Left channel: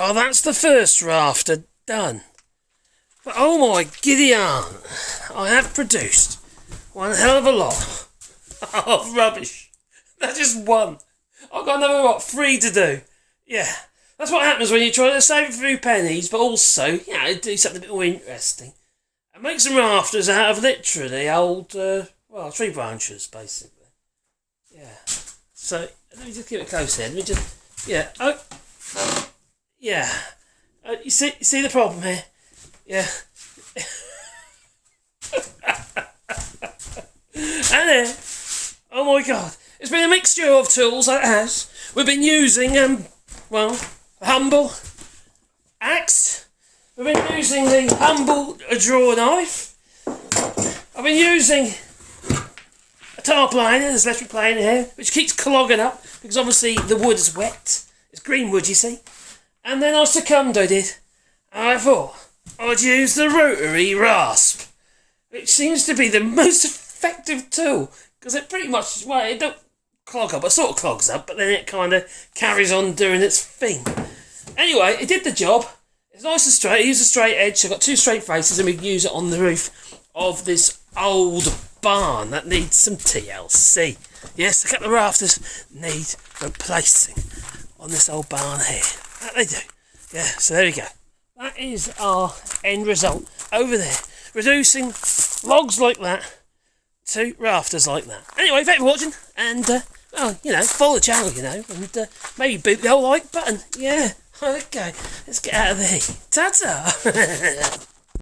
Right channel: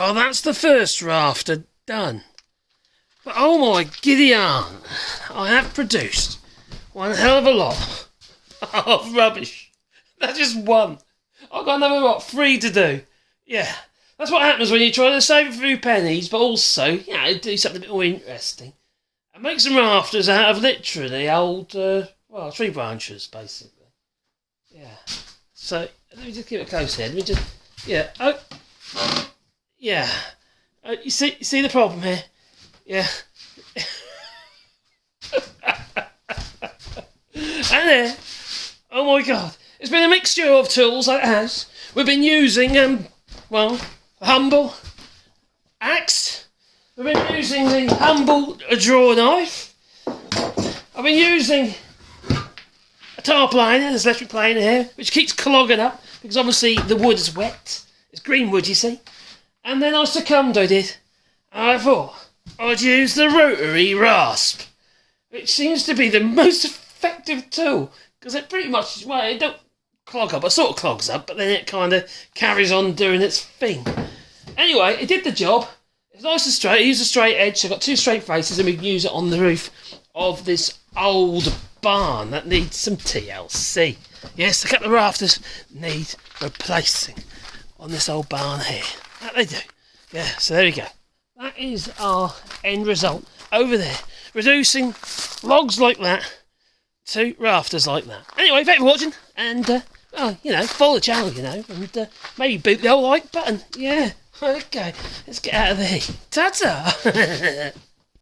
Well, that's the first rafter done. But oh my giddy aunt, I have produced one hell of a lot of rubbish. That's just one. I've got another, what, 3 to do. Yeah, that's what happens when you try to save a few pennies, but also, do something a bit more interesting. And make some rafters out of literally old, tree branches, basically. Yeah. So, let me just keep it close here. Let me just, you see the problem here? Yeah. And then, oh my god, it's been a mixture of tools, it has. We've been using, a humble axe. We've been using the humble draw knife. I've been using a tar planer, this electric planer here, which keeps clogging up, because obviously the wood is wet. It's green wood, you see. And then I succumbed, I did. And I thought I'd use the Rotary Rasp, which seems to be the most effective tool, because it pretty much, it don't clog up, it sort of clogs up, but then it kind of carries on doing its thing. Anyway, it did the job. It's nice and straight. I used a straight edge, so I've got 2 straight faces, and we can use it on the roof of this old barn that needs some TLC. Yes, a couple of rafters need replacing on this old barn here. That they do. Yeah, so there we go. That is our end result over there. Reducing logs like that to rafters like that. Anyway, thank you for watching, and, follow the channel, and maybe boot the old like button. Yeah, okay, let's get out of here. Ta-ta!